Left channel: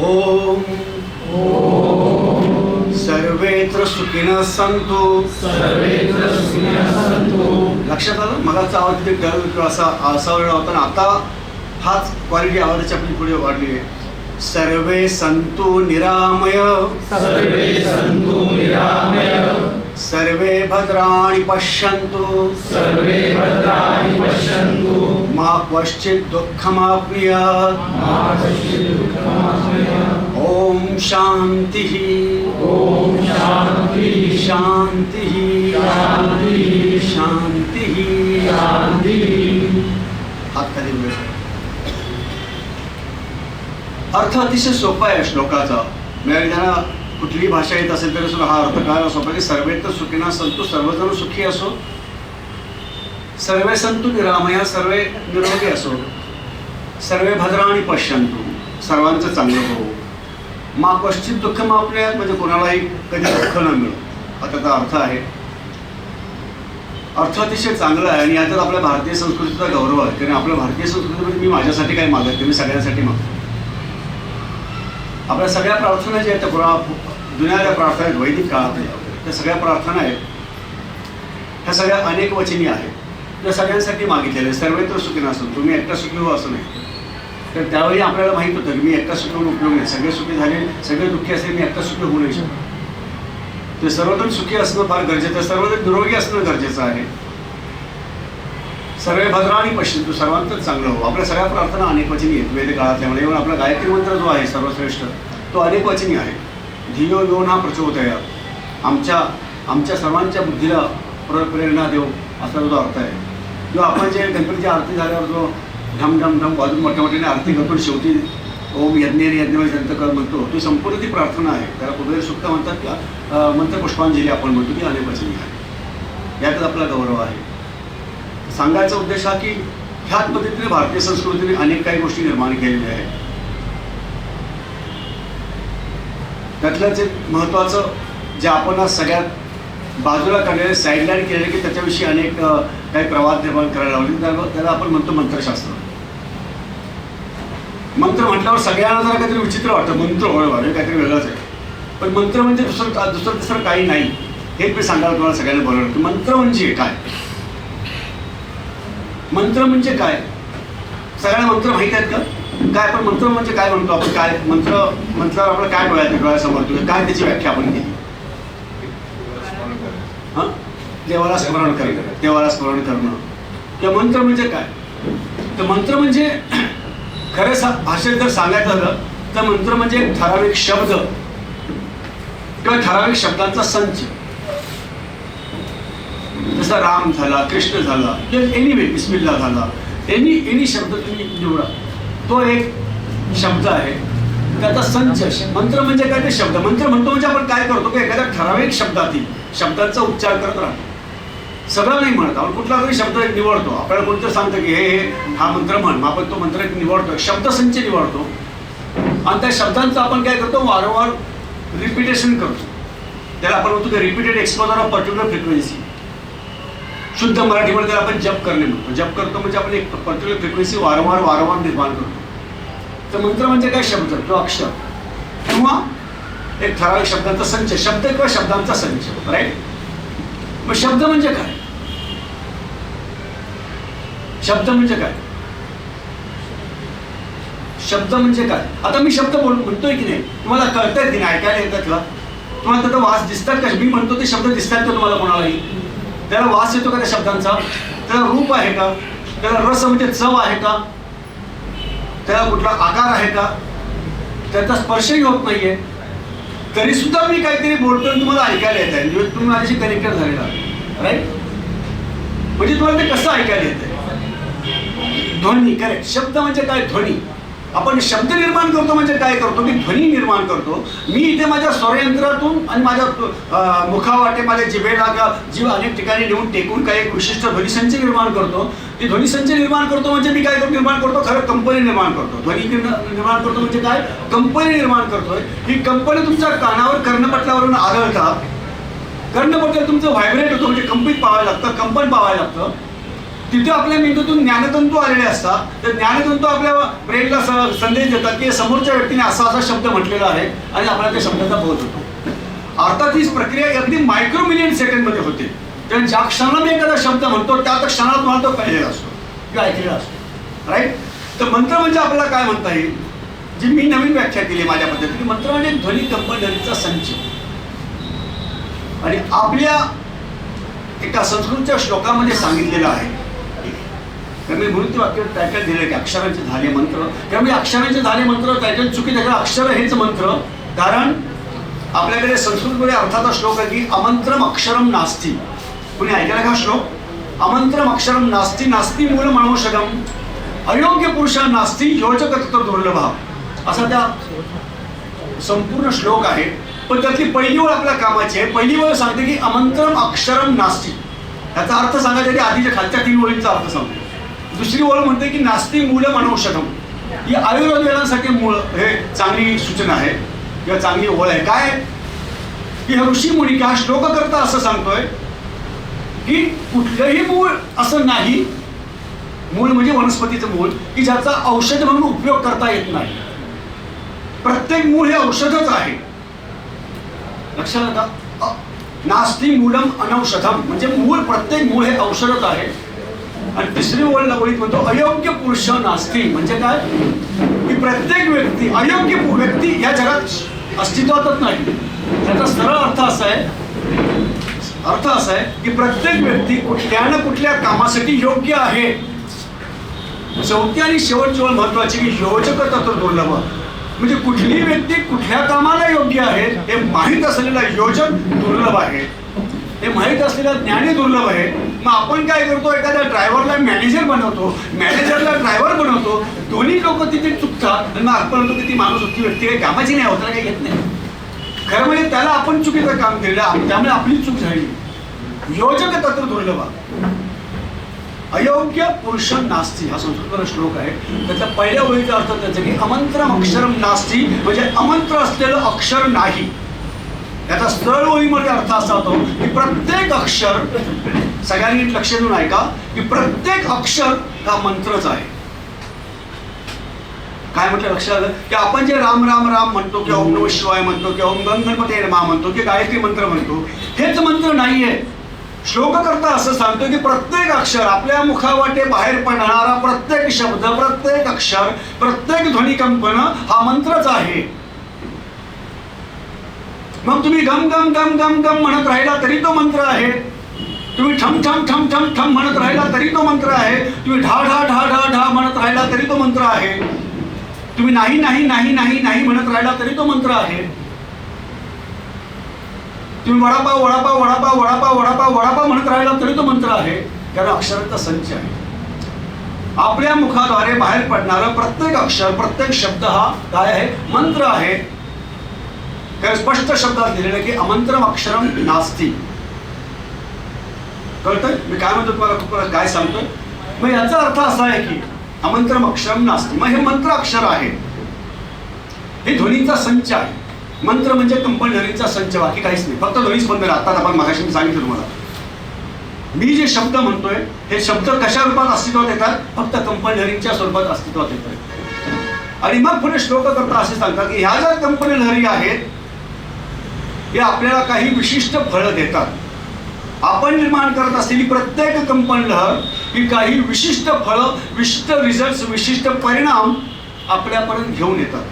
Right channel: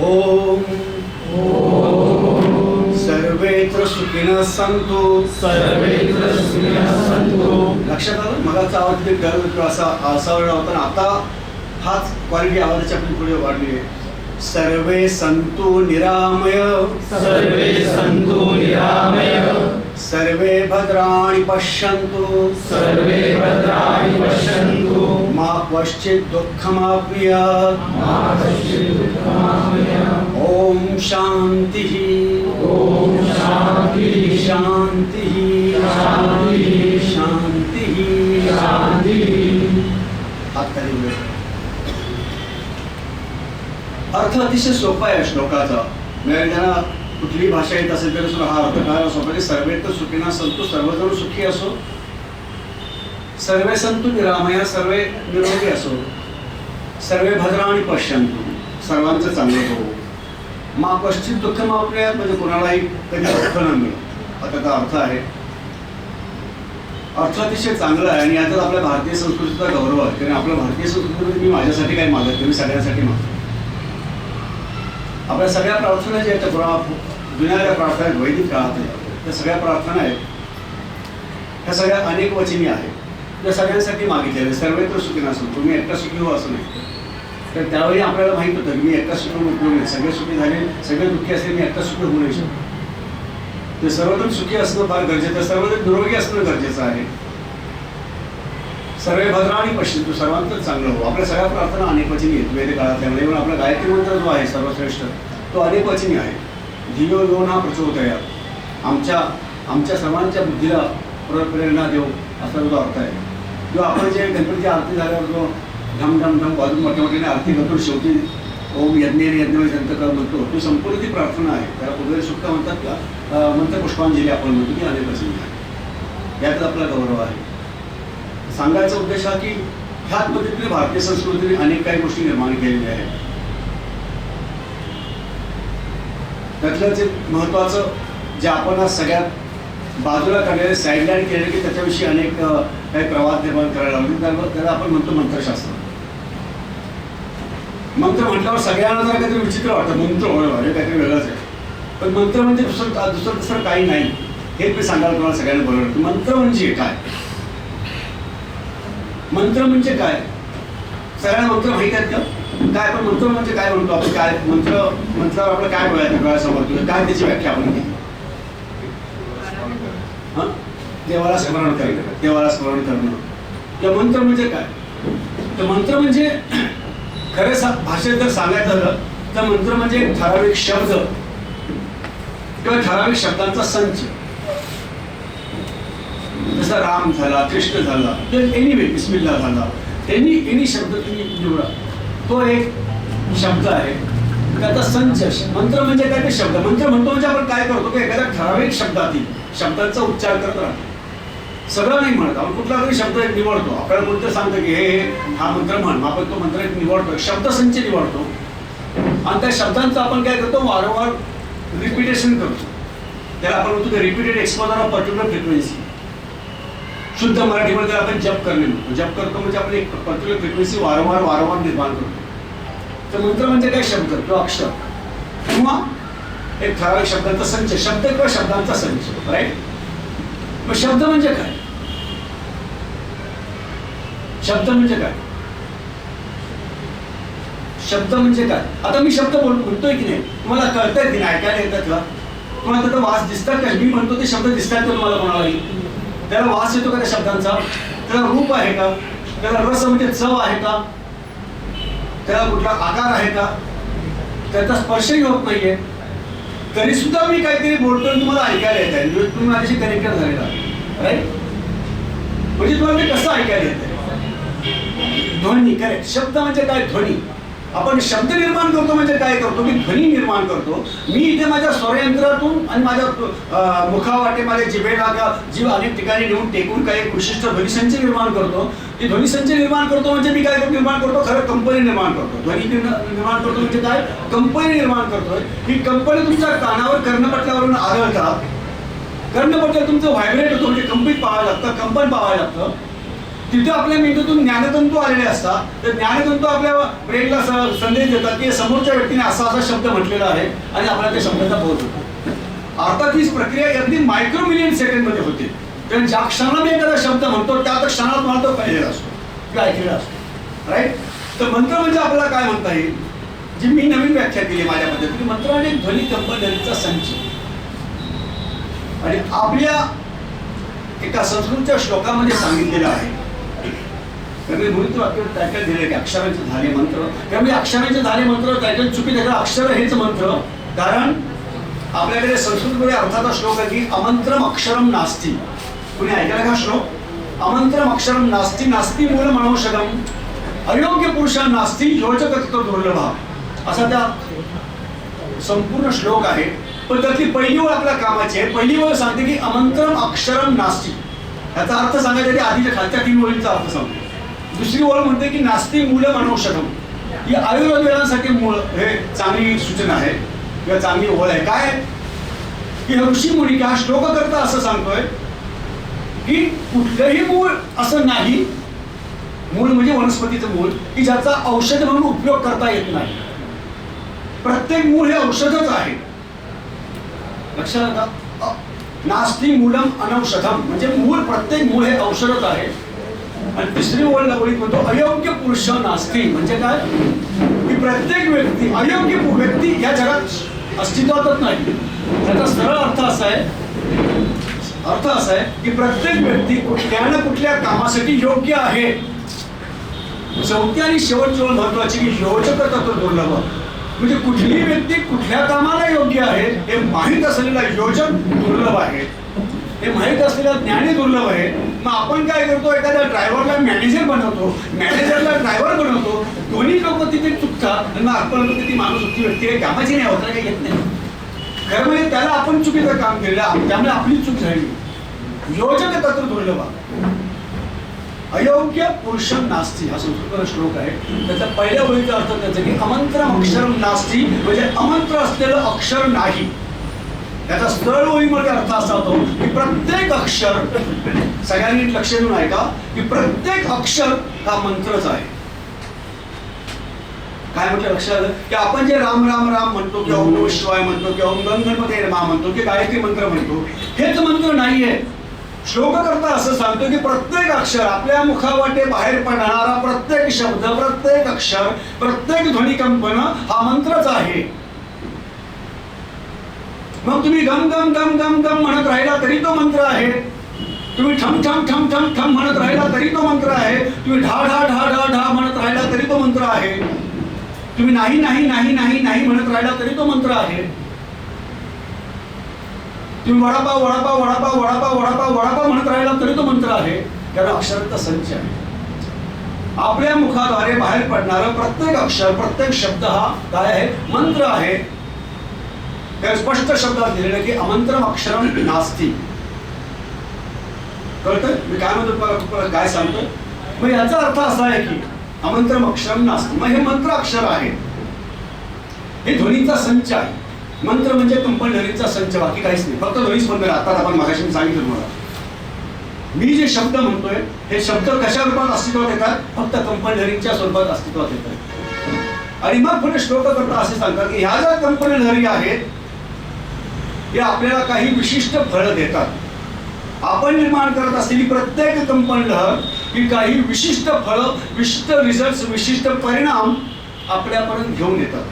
ओम. सर्वेत्र सुखिनः सन्तु. सर्वेत्र सुखिनः सन्तु. लक्षात आलं? मगाचा आवाज ते डल असा असा वेळ होता ना आता हाच क्वालिटी आवाजाची आपली पुढे वाढली आहे. सर्वे संतु निरामय. सर्वे सन्तु निरामय. सर्वे भद्राणि पश्यन्तु. सर्वे भद्राणि पश्यन्तु. क्वश्चित् दुःखमाप्नुयात्। कश्चित् दुःखमाप्नुयात् ॐ शान्तिः। शान्तिः। शान्तिः। अर्थ अतिशय सोपा आहे श्लोकाचा. म्हणजे त्यांना कुठलीही भाषा येत असेल तरी सुद्धा हा अर्थ काय सोपा की सर्वे तर सुखीना तो सर्वजण सुखी असो. सर्वे संतु निरामया सर्वे निरोगी असो. सर्वे भद्राणी पश्यंतु सर्वांचं चांगलं हो मा कश्चित दुःख मापल्या म्हणजे कोणालाही कधी दुःख न मिळो. आता त्याचा अर्थ आहे. अर्थ अतिशय चांगला आहे आणि याच्यात आपल्या भारतीय संस्कृतीचा गौरव आहे कारण आपल्या भारतीय संस्कृतीमध्ये मी माझ्यासाठी काही मागत मी सगळ्यांसाठी मागतो. आपल्या सगळ्या प्रार्थना ज्या आहेत त्या पुरा जुन्या प्रार्थना आहेत वैदिक काळातल्या त्या सगळ्या प्रार्थना आहेत ह्या सगळ्या अनेक वचनी आहेत. त्या सगळ्यांसाठी मागितलेलं आहे. सर्वत्र सुखी नसून तुम्ही एकटा सुखी हो असं नाही. तर त्यावेळी आपल्याला माहीत होतं की मी एकटा सुखी होऊन उपयोग नाही. सगळे सुखी झाले सगळे दुःखी असले मी एकटा सुखी होऊ नाही शकतो. ते सर्वजण सुखी असणं फार गरजेचं आहे. सर्वजण निरोगी असणं गरजेचं आहे. सर्वे पश्चिम तो सर्वांतर चांगलं हो. आपल्या सगळ्या प्रार्थना अनेक वचनी आहेत. वेद काळातल्या म्हणजे आपला गायत्री मंत्र जो आहे सर्वश्रेष्ठ तो अनेक वचनी आहे. धियो योन हा प्रचोदया. आमच्या आमच्या सर्वांच्या बुद्धीला प्रेरणा देऊ असा जो अर्थ आहे. किंवा आपण जे गणपतीची आरती झाल्यावर जो ढम ढम ढम वाजून मोठ्या मोठ्याने आरती करतो शेवटी ओम यज्ञ यज्ञ जंतकर म्हणतो ती संपूर्ण ती प्रार्थना आहे. त्याला कुबेर सुक्त म्हणतात का अं, मंत्र पुष्पांजली आपण म्हणतो की अनेक वचनी आहे. यातच आपला गौरव आहे. सांगायचा उद्देश हा की ह्याच पद्धतीने भारतीय संस्कृतीने अनेक काही गोष्टी निर्माण केलेल्या आहेत. त्यातलंच एक महत्त्वाचं जे आपण आज सगळ्यात बाजूला काढलेले साईडलाईन केले की त्याच्याविषयी अनेक काही प्रवाद निर्माण करायला लावले. त्याला त्याला आपण म्हणतो मंत्रशास्त्र. मंत्र म्हटल्यावर सगळ्यांना जरा काहीतरी विचित्र वाटतं. मंत्र होय हे काहीतरी वेगळंच आहे. पण मंत्र म्हणजे दुसरं दुसरं दुसरं काही नाही. हे मी सांगायला तुम्हाला सगळ्यांना बोलवलं. मंत्र म्हणजे काय? मंत्र म्हणजे काय? सगळ्यांना मंत्र माहीत आहेत का? काय? आपण मंत्र म्हणजे काय म्हणतो आपण? काय? मंत्र मंत्रावर आपलं काय डोळ्यात डोळ्यासमोर? तुझं काय त्याची व्याख्या आपण केली? हं? देवाला स्मरण करणं देवाला स्मरण करणं किंवा मंत्र म्हणजे काय? तर मंत्र म्हणजे खरं सा भाषेत जर सांगायचं झालं तर मंत्र म्हणजे एक ठराविक शब्द किंवा ठराविक शब्दांचा संच. जसा राम झाला कृष्ण झाला किंवा एनिवे बिस्मिल्ला झाला एनी एनी शब्द तुम्ही निवडा. तो एक शब्द आहे. त्याचा संच मंत्र म्हणजे काय ते शब्द. मंत्र म्हणतो म्हणजे आपण काय करतो की एखाद्या ठराविक शब्दातील शब्दांचा उच्चार करत राहतो. सगळं नाही म्हणत. आपण कुठला तरी शब्द एक निवडतो. आपल्याला कोणतं सांगतं की हे हे हा मंत्र म्हण मग आपण तो मंत्र एक निवडतो. शब्दसंच निवडतो. आणि त्या शब्दांचं आपण काय करतो? वारंवार रिपिटेशन करतो. त्याला आपण म्हणतो repeated exposure of particular frequency शुद्ध मराठीमध्ये आपण जप करणे म्हणतो जप करतो म्हणजे आपण एक पर्टिक्युलर फ्रिक्वेन्सी वारंवार वारंवार निर्माण करतो. तर मंत्र म्हणजे काय शब्द? किंवा अक्षर किंवा एक ठराविक शब्दांचा संच शब्द किंवा शब्दांचा संच राईट मग शब्द म्हणजे काय? शब्द म्हणजे काय? शब्द म्हणजे काय? आता मी शब्द बोल म्हणतोय की नाही? तुम्हाला कळतंय की नाही? ऐकायला येतात का? तुम्हाला त्याचा वास दिसतात का? मी म्हणतो ते शब्द दिसतात का तुम्हाला कोणालाही? त्याला वास येतो का त्या शब्दांचा? त्याला रूप आहे का? त्याला रस म्हणजे चव आहे का? त्याला कुठला आकार आहे का? त्याचा स्पर्शही होत नाहीये. तरी सुद्धा मी काहीतरी बोलतोय आणि तुम्हाला ऐकायला येत आहे तुम्ही माझ्याशी कनेक्टेड झालेला राईट म्हणजे तुम्हाला ते कसं ऐकायला येत आहे ध्वनी करेक्ट शब्द म्हणजे काय? ध्वनी. आपण शब्द निर्माण करतो म्हणजे काय करतो? मी ध्वनी निर्माण करतो. मी इथे माझ्या स्वरयंत्रातून आणि माझ्या मुखावाटे माझ्या जिभेला जीव अनेक ठिकाणी नेऊन टेकून काही एक विशिष्ट ध्वनिसंच निर्माण करतो. ती ध्वनिसंच निर्माण करतो म्हणजे मी काय करतो? निर्माण करतो खरं कंपनी निर्माण करतो. ध्वनी निर्माण करतो म्हणजे काय? कंपनी निर्माण करतोय. ही कंपनी तुमच्या कानावर कर्णपटल्यावरून आढळतात कर्णपटल तुमचं व्हायब्रेट होतं म्हणजे कंपित पाहायला लागतं कंपन पाहायला लागतं. तिथे आपल्या मेंदूतून ज्ञानतंतू आलेले असतात. तर ज्ञानतंतू आपल्या ब्रेनला स- संदेश देतात की समोरच्या व्यक्तीने असा असा शब्द म्हटलेला आहे आणि आपल्याला त्या शब्दाचा बोध होतो. अर्थात ही प्रक्रिया अगदी मायक्रो मिलियन सेकंडमध्ये होते. तर ज्या क्षणाला मी एखादा शब्द म्हणतो त्या तर क्षणाला तुम्हाला तो कळलेला असतो. किंवा ऐकलेला असतो. राईट तर मंत्र म्हणजे आपल्याला काय म्हणता येईल? जी मी नवीन व्याख्या केली माझ्या पद्धतीने मंत्र म्हणजे ध्वनी कंपनीचा संच. आणि आपल्या एका संस्कृतच्या श्लोकामध्ये सांगितलेलं आहे तर मी म्हणून वाक्य टायटल दिले की अक्षरांचे झाले मंत्र. त्यामुळे अक्षरांचे झाले मंत्र टायटल चुकी त्याचं अक्षर हेच मंत्र. कारण आपल्याकडे संस्कृतमध्ये अर्थाचा श्लोक आहे की अमंत्रम अक्षरम नास्ती. कुणी ऐकला का श्लोक? अमंत्रम अक्षरम नास्ती नास्ती मूल मनोषगम अयोग्य पुरुषा नास्ती योजक तत्व दुर्लभा. असा त्या संपूर्ण श्लोक आहे. पण त्यातली पहिली ओळ आपल्या कामाची आहे. पहिली ओळ सांगते की अमंत्रम अक्षरम नास्ती. याचा अर्थ सांगायचा की आधीच्या खालच्या तीन ओळींचा अर्थ सांगतो. दुसरी ओळ म्हणते की नास्ती मूळ मनोषधम ही आयुर्वेदासाठी मूळ हे चांगली सूचना आहे किंवा चांगली ओळ आहे. काय? की ऋषी मुनी हा श्लोक करता असं सांगतोय की कुठलंही मूळ असं नाही. मूळ म्हणजे वनस्पतीचं मूळ की ज्याचा औषध म्हणून उपयोग करता येत नाही. प्रत्येक मूळ हे औषधच आहे. लक्षात नास्ती मूलम अनौषधम. म्हणजे मूळ प्रत्येक मूळ हे औषधच आहे. आणि तिसरी ओळ ओळीत म्हणतो अयोग्य पुरुष नास्ती. म्हणजे काय? की प्रत्येक व्यक्ती अयोग्य व्यक्ती या जगात अस्तित्वातच नाही. त्याचा सरळ अर्थ असा आहे अर्थ असा आहे की प्रत्येक व्यक्ती कुठल्या ना कुठल्या कामासाठी योग्य आहे. चौथी आणि शेवटची ओळ महत्वाची की योजक तत्व दुर्लभ म्हणजे कुठली व्यक्ती कुठल्या कामाला योग्य आहे हे माहीत असलेला योजक दुर्लभ आहे. हे माहीत असलेला ज्ञानी दुर्लभ आहे. मग आपण काय करतो? एखाद्या ड्रायव्हरला मॅनेजर बनवतो. मॅनेजरला ड्रायव्हर बनवतो. दोन्ही लोक तिथे चुकतात आणि मग आपण म्हणतो की ती माणूस होती व्यक्ती काही कामाची नाही होता काही येत नाही. खरं म्हणजे त्याला आपण चुकीचं काम केलं त्यामुळे आपली चूक झाली. योजक तत्र दुर्लभ अयोग्य पुरुष नास्ती हा संस्कृत श्लोक आहे. त्याचा पहिल्या ओळीचा अर्थ त्याचा की अमंत्रम अक्षरम नास्ती म्हणजे अमंत्र असलेलं अक्षर नाही. याचा सरळ ओळीमध्ये अर्थ असा होतो की प्रत्येक अक्षर सगळ्यांनी लक्ष देऊन ऐका की प्रत्येक अक्षर हा मंत्रच आहे. काय म्हटलं लक्षात आलं? की आपण जे राम राम राम म्हणतो किंवा ओम नमः शिवाय म्हणतो किंवा ओम गण गणपती रमा म्हणतो की गायत्री मंत्र म्हणतो हेच मंत्र नाहीये. श्लोककर्ता असं सांगतो की प्रत्येक अक्षर आपल्या मुखावाटे बाहेर पडणारा प्रत्येक शब्द प्रत्येक अक्षर प्रत्येक ध्वनिकंपन हा मंत्रच आहे. मग तुम्ही गम गम गम गम गम म्हणत राहिला तरी तो मंत्र आहे. तुम्ही ठम ठम ठम ठम ठम म्हणत राहिला तरी तो मंत्र आहे. तुम्ही ढा ढा ढा ढा ढा म्हणत राहिला तरी तो मंत्र आहे. तुम्ही नाही नाही नाही नाही नाही म्हणत राहिला तरी तो मंत्र आहे. तुम्ही वडापाव वडापाव वडापाव वडापाव वडापाव वडापाव म्हणत राहिला तरी तो मंत्र आहे. कारण अक्षरांचा संच आहे. आपल्या मुखाद्वारे बाहेर पडणारं प्रत्येक अक्षर प्रत्येक शब्द हा काय आहे? मंत्र आहे. कारण स्पष्ट शब्दात दिलेलं की अमंत्रम अक्षरम नास्ती. कळतंय? मी काय म्हणतो तुम्हाला? तुम्हाला काय सांगतोय? मग याचा अर्थ असा आहे की अमंत्रम अक्षरम नास्ती. मग हे मंत्र अक्षर आहे. हे ध्वनीचा संच आहे. मंत्र म्हणजे कंपल्हरीचा संच बाकी काहीच नाही. फक्त ध्वनीच बंद आता आपण मागाशी सांगितलं तुम्हाला. मी जे शब्द म्हणतोय हे शब्द कशा रूपात अस्तित्वात येतात? फक्त कंपल्हरीच्या स्वरूपात अस्तित्वात येतात. आणि मग पुढे श्लोक करता असे सांगतात की ह्या ज्या कंपनी लहरी आहेत हे आपल्याला काही विशिष्ट फळं देतात. आपण निर्माण करत असलेली प्रत्येक कंपनी लहर ही काही विशिष्ट फळं विशिष्ट रिझल्ट विशिष्ट परिणाम आपल्यापर्यंत घेऊन येतात.